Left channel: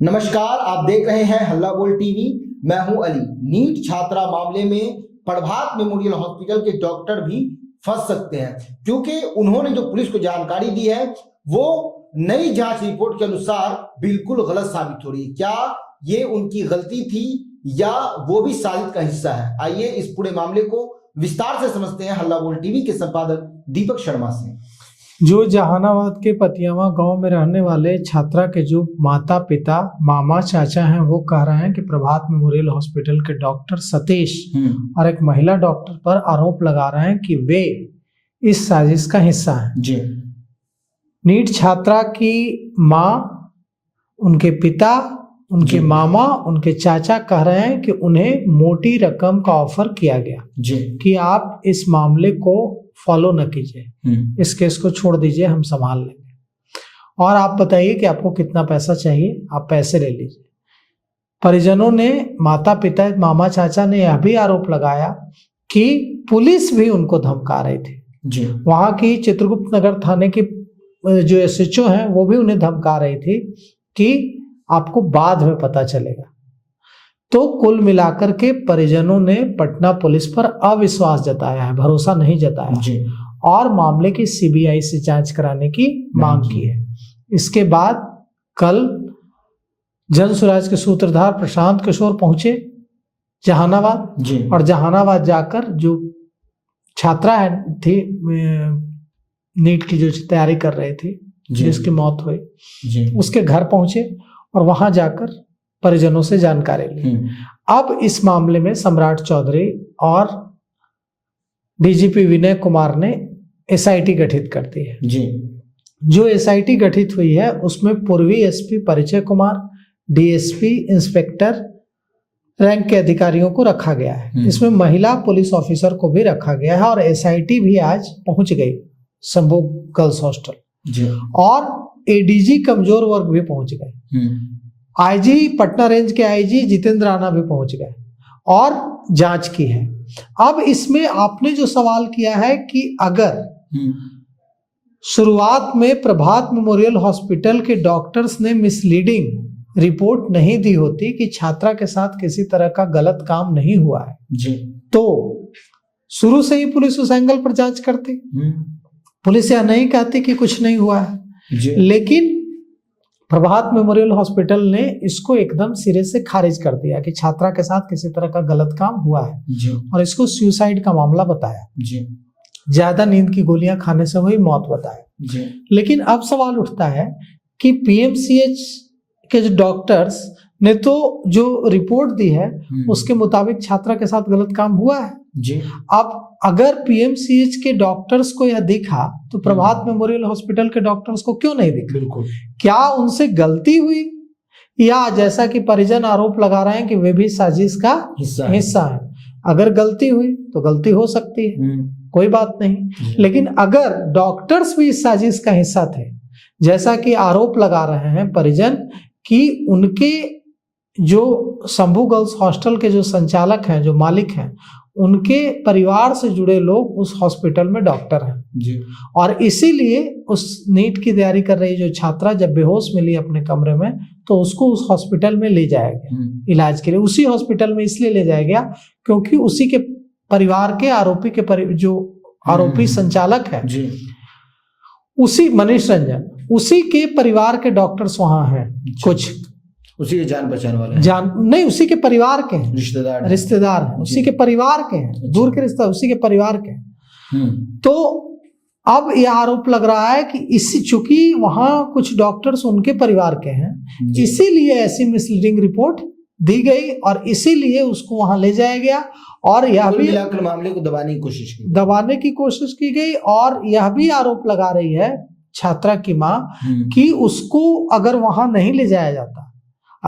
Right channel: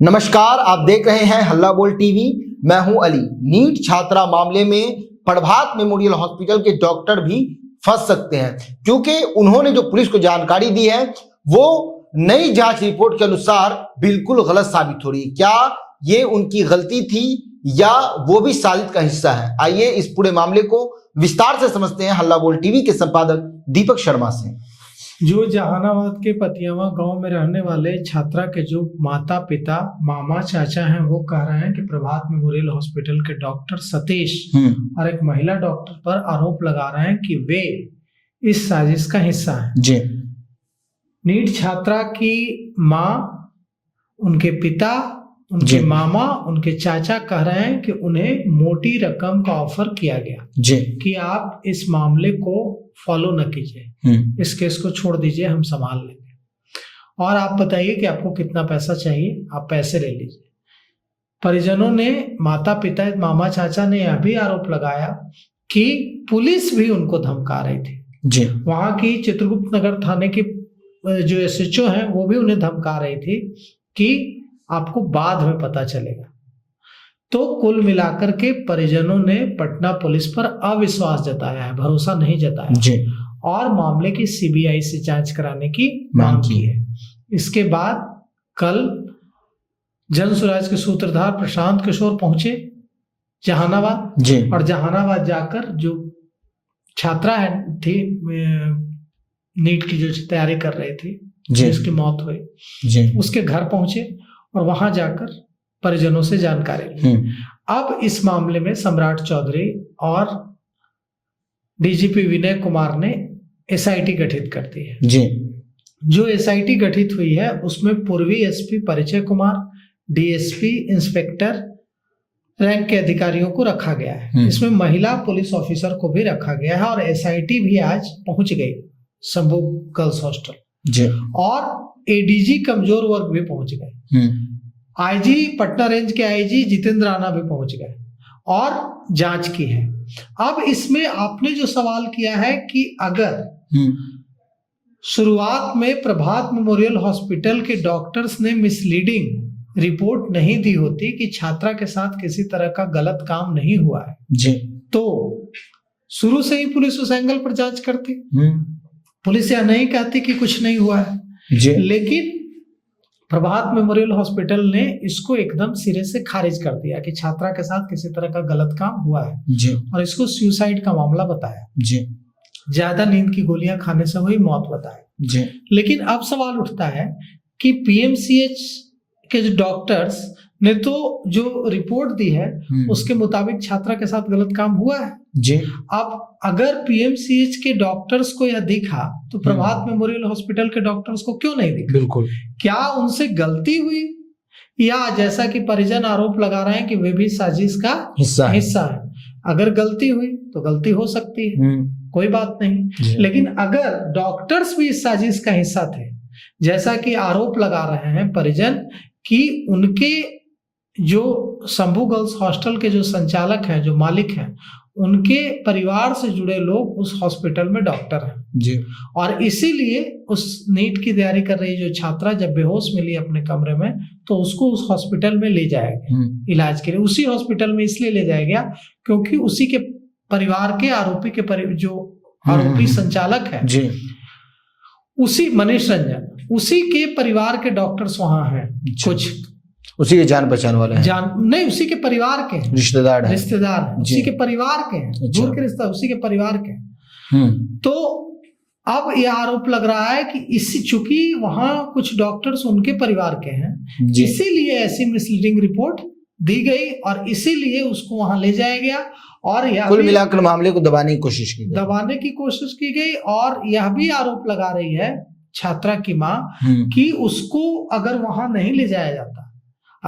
नमस्कार, आप देख रहे हैं हल्ला बोल टीवी। मैं हूं अली। नीट छात्रा मामले में प्रभात मेमोरियल हॉस्पिटल के डॉक्टर भी फंस सकते हैं, क्योंकि उन्होंने जो पुलिस को जानकारी दी है वो नई जांच रिपोर्ट के अनुसार बिल्कुल गलत साबित हो रही है। क्या ये उनकी गलती थी या वो भी साजिश का हिस्सा है? आइए इस पूरे मामले को विस्तार से समझते हैं हल्ला बोल टीवी के संपादक दीपक शर्मा से। जो जहानाबाद के पतियावा गांव में रहने वाले छात्रा के जो माता पिता मामा चाचा हैं, वो कह रहे हैं कि प्रभात मेमोरियल हॉस्पिटल के डॉक्टर सतीश और एक महिला डॉक्टर पर आरोप लगा रहे हैं कि वे इस साजिश का हिस्सा हैं। जी। नीट छात्रा की माँ, उनके पिता, उनके मामा, उनके चाचा कह रहे हैं कि उन्हें मोटी रकम का ऑफर किया गया जी कि आप इस मामले को फॉलो न कीजिए, इस केस को छोड़ दीजिए, हम संभाल लेंगे, और आप बताइए कि आपको कितना पैसा चाहिए, आप पैसे ले लीजिए। परिजनों ने, माता पिता, मामा चाचा ने यह भी आरोप लगाया कि पुलिस भी उनको धमका रही थी। जी। वहां की चित्रगुप्त नगर थाने की जो एसएचओ हैं वो भी उन्हें धमका रही थी कि आपको बाद में पता चलेगा। तो कुल मिलाकर के परिजनों ने पटना पुलिस पर अविश्वास जताया है, भरोसा नहीं जताया जी। और मामले की सीबीआई से जांच कराने की मांग की है। इसके बाद कल जन स्वराज के सूत्रधार प्रशांत किशोर पहुंचे जहानाबाद जी। और जहानाबाद जाकर जो छात्रा थी नीट की जो तैयारी कर रही थी, जिसकी मौत हुई जी, उसके घर पहुंचे और वहां जाकर परिजनों से जानकारी ली। अब इस मामले में सम्राट चौधरी और डीजीपी विनय कुमार ने एसआईटी गठित कर दी है। जी। जो एसआईटी गठित हुई है उसमें पूर्वी एसपी परिचय कुमार, डीएसपी, इंस्पेक्टर रैंक के अधिकारियों को रखा गया है। इसमें महिला पुलिस ऑफिसर को भी रखा गया है और एसआईटी भी आज पहुंच गई शंभू गर्ल्स हॉस्टल और एडीजी कमजोर वर्ग भी पहुंच गए। आईजी पटना रेंज के आईजी जितेंद्र राणा भी पहुंच गए और जांच की है। अब इसमें आपने जो सवाल किया है कि अगर शुरुआत में प्रभात मेमोरियल हॉस्पिटल के डॉक्टर्स ने मिसलीडिंग रिपोर्ट नहीं दी होती कि छात्रा के साथ किसी तरह का गलत काम नहीं हुआ है जी, तो शुरू से ही पुलिस उस एंगल पर जांच करती। पुलिस यह नहीं कहती कि कुछ नहीं हुआ है जी। लेकिन प्रभात मेमोरियल हॉस्पिटल ने इसको एकदम सिरे से खारिज कर दिया कि छात्रा के साथ किसी तरह का गलत काम हुआ है जी। और इसको सुसाइड का मामला बताया जी। ज्यादा नींद की गोलियां खाने से हुई मौत बताया जी। लेकिन अब सवाल उठता है कि पीएमसीएच के जो डॉक्टर्स ने तो जो रिपोर्ट दी है उसके मुताबिक छात्रा के साथ गलत काम हुआ है जी। अब अगर पीएमसीएच के डॉक्टर्स को यह दिखा तो प्रभात मेमोरियल हॉस्पिटल के डॉक्टर्स को क्यों नहीं दिखा? बिल्कुल। क्या उनसे गलती हुई या जैसा कि परिजन आरोप लगा रहे हैं कि वे भी साजिश का हिस्सा है? अगर गलती हुई तो गलती हो सकती है, कोई बात नहीं, लेकिन अगर डॉक्टर्स भी इस साजिश का हिस्सा थे, जैसा कि आरोप लगा रहे हैं परिजन कि उनके जो शंभू गर्ल्स हॉस्टल के जो संचालक हैं, जो मालिक हैं, उनके परिवार से जुड़े लोग उस हॉस्पिटल में डॉक्टर हैं जी। और इसीलिए उस नीट की तैयारी कर रही जो छात्रा जब बेहोश मिली अपने कमरे में तो उसको उस हॉस्पिटल में ले जाया गया इलाज के लिए। उसी हॉस्पिटल में इसलिए ले जाया गया क्योंकि उसी के परिवार के आरोपी के जो आरोपी संचालक है जी, उसी मनीष रंजन, उसी के परिवार के डॉक्टर्स वहां हैं, कुछ उसी के जान पहचान वाले हैं। नहीं, उसी के परिवार के रिश्तेदार हैं, उसी के परिवार के हैं, दूर के रिश्ता उसी के परिवार के। तो अब यह आरोप लग रहा है कि इसी चूंकि वहां कुछ डॉक्टर्स उनके परिवार के हैं, इसीलिए ऐसी मिसलीडिंग रिपोर्ट दी गई और इसीलिए उसको वहां ले जाया गया और यह कुल मिलाकर मामले को दबाने की कोशिश की गई और यह भी आरोप लगा रही है छात्रा की माँ कि उसको अगर वहां नहीं ले जाया जाता,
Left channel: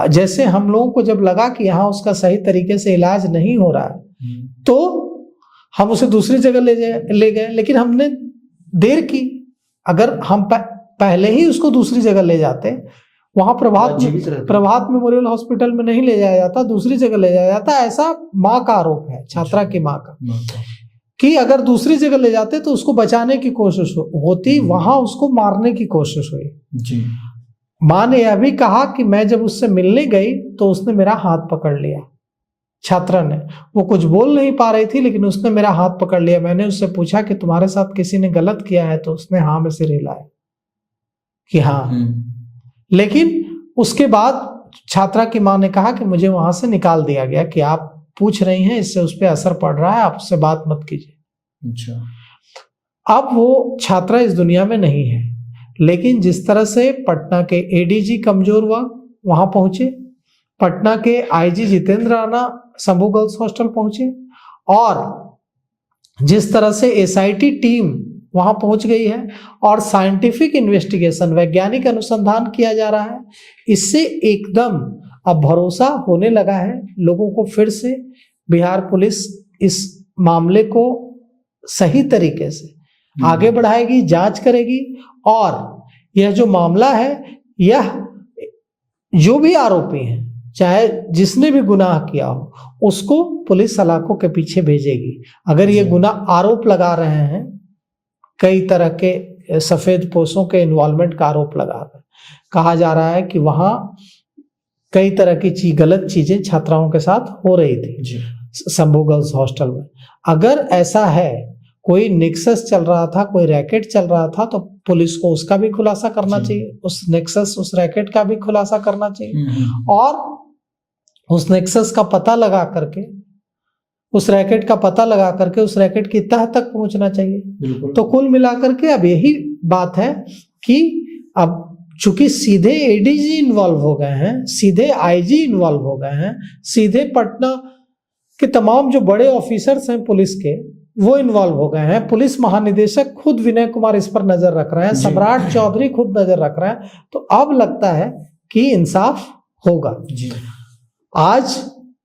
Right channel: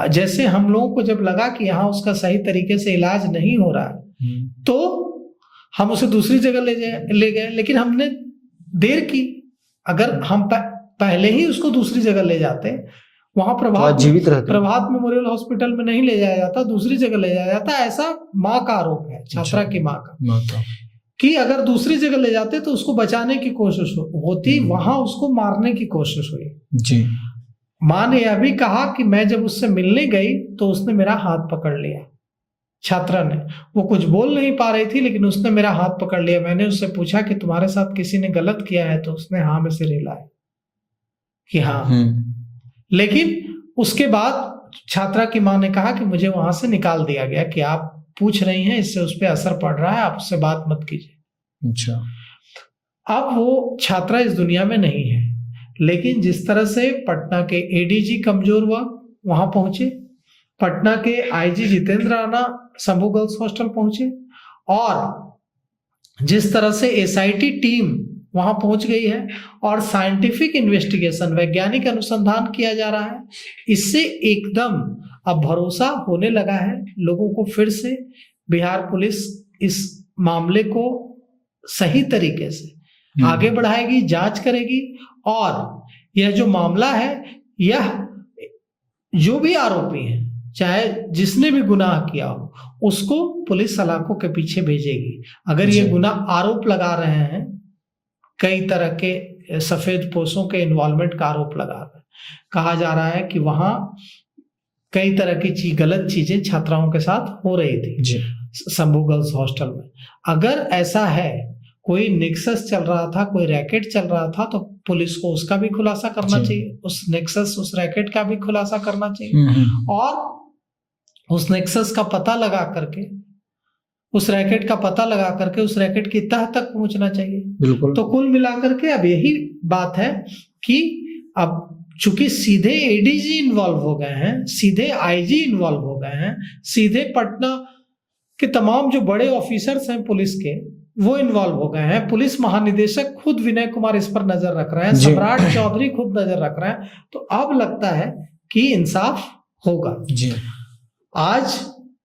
जैसे हम लोगों को जब लगा कि यहाँ उसका सही तरीके से इलाज नहीं हो रहा है तो हम उसे दूसरी जगह ले गए, लेकिन हमने देर की। अगर हम पहले ही उसको दूसरी जगह ले जाते, वहां प्रभात मेमोरियल हॉस्पिटल में नहीं ले जाया जाता, दूसरी जगह ले जाया जाता, ऐसा माँ का आरोप है, छात्रा की माँ का, कि अगर दूसरी जगह ले जाते तो उसको बचाने की कोशिश होती, वहां उसको मारने की कोशिश हुई जी। माँ ने यह भी कहा कि मैं जब उससे मिलने गई तो उसने मेरा हाथ पकड़ लिया। छात्रा ने, वो कुछ बोल नहीं पा रही थी लेकिन उसने मेरा हाथ पकड़ लिया। मैंने उससे पूछा कि तुम्हारे साथ किसी ने गलत किया है, तो उसने हाँ में सिर हिलाया कि हाँ। लेकिन उसके बाद छात्रा की माँ ने कहा कि मुझे वहां से निकाल दिया गया कि आप पूछ रही हैं, इससे उस पर असर पड़ रहा है, आप उससे बात मत कीजिए। अच्छा, अब वो छात्रा इस दुनिया में नहीं है, लेकिन जिस तरह से पटना के एडीजी कमजोर हुआ वहां पहुंचे, पटना के IG Jitendra Rana Shambhu girls hostel पहुंचे, और जिस तरह से एसआईटी टीम वहां पहुंच गई है और साइंटिफिक इन्वेस्टिगेशन, वैज्ञानिक अनुसंधान किया जा रहा है, इससे एकदम अब भरोसा होने लगा है लोगों को। फिर से बिहार पुलिस इस मामले को सही तरीके से आगे बढ़ाएगी, जांच करेगी, और यह जो मामला है, यह जो भी आरोपी है, चाहे जिसने भी गुनाह किया हो, उसको पुलिस सलाखों के पीछे भेजेगी। अगर ये गुनाह आरोप लगा रहे हैं, कई तरह के सफेद पोशों के इन्वॉल्वमेंट का आरोप लगा रहे हैं, कहा जा रहा है कि वहां कई तरह की गलत चीजें छात्राओं के साथ हो रही थी शंभू गर्ल्स हॉस्टल में। अगर ऐसा है, कोई नेक्सस चल रहा था, कोई रैकेट चल रहा था, तो पुलिस को उसका भी खुलासा करना चाहिए, उस नेक्सस, उस रैकेट का भी खुलासा करना चाहिए, और उस नेक्सस का पता लगा करके, उस रैकेट का पता लगा करके उस रैकेट की तह तक पहुंचना चाहिए। तो कुल मिलाकर के अब यही बात है कि अब चूंकि सीधे एडीजी इन्वॉल्व हो गए हैं, सीधे आईजी इन्वॉल्व हो गए हैं, सीधे पटना के तमाम जो बड़े ऑफिसर्स हैं पुलिस के, वो इन्वॉल्व हो गए हैं, पुलिस महानिदेशक खुद विनय कुमार इस पर नजर रख रहे हैं, सम्राट चौधरी खुद नजर रख रहे हैं, तो अब लगता है कि इंसाफ होगा। आज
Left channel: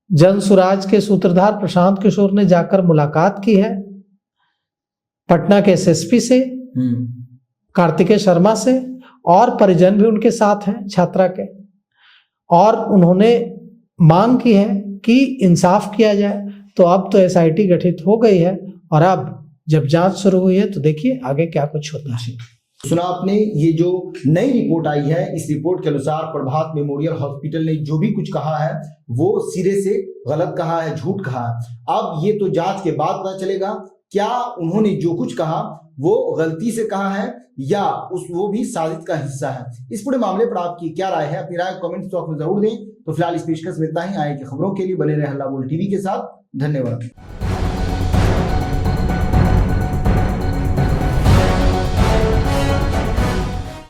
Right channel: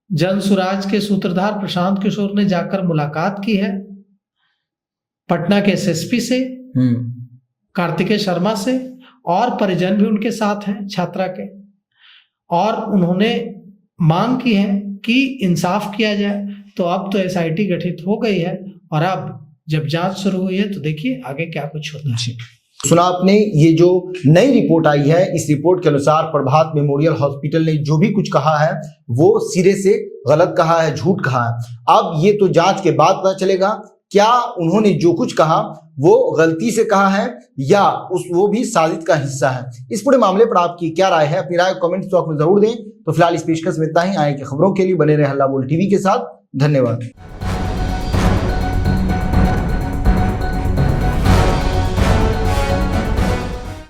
जन सुराज के सूत्रधार प्रशांत किशोर ने जाकर मुलाकात की है पटना के एसएसपी से, कार्तिकेय शर्मा से, और परिजन भी उनके साथ हैं छात्रा के, और उन्होंने मांग की है कि इंसाफ किया जाए। तो अब तो एसआईटी गठित हो गई है, और अब जब जांच शुरू हुई है तो देखिए आगे क्या कुछ होता है। सुना आपने, ये जो नई रिपोर्ट आई है, इस रिपोर्ट के अनुसार प्रभात मेमोरियल हॉस्पिटल ने जो भी कुछ कहा है वो सिरे से गलत कहा है, झूठ कहा है। अब ये तो जांच के बाद पता चलेगा क्या उन्होंने जो कुछ कहा वो गलती से कहा है या वो भी साजिश का हिस्सा है। इस पूरे मामले पर आपकी क्या राय है? अपनी राय कमेंट बॉक्स में जरूर दें। तो फिलहाल इस पेशकश में इतना ही। आगे की खबरों के लिए बने रहे हल्ला बोल टीवी के साथ। धन्यवाद।